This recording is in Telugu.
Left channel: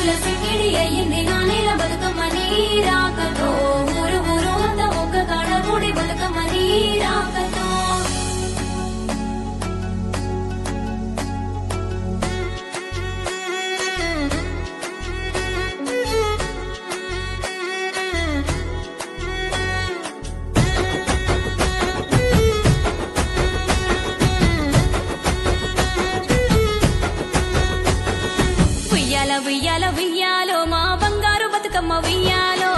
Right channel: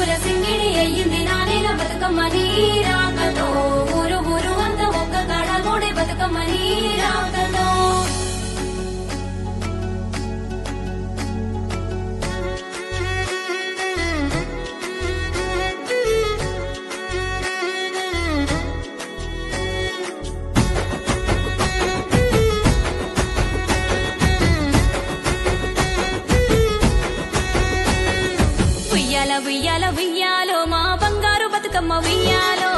పూల సింగిడి అయ్యింది నా నేల బతుకమ్మ నీ రాకతో ఊరు ఊరు అంతా ఒక్క కాడ మూడే బతుకమ్మ నీ రాకతో ఉయ్యాల ఉయ్యాల ఉయ్యాలో మా బంగారు బతుకమ్మ ఉయ్యాలో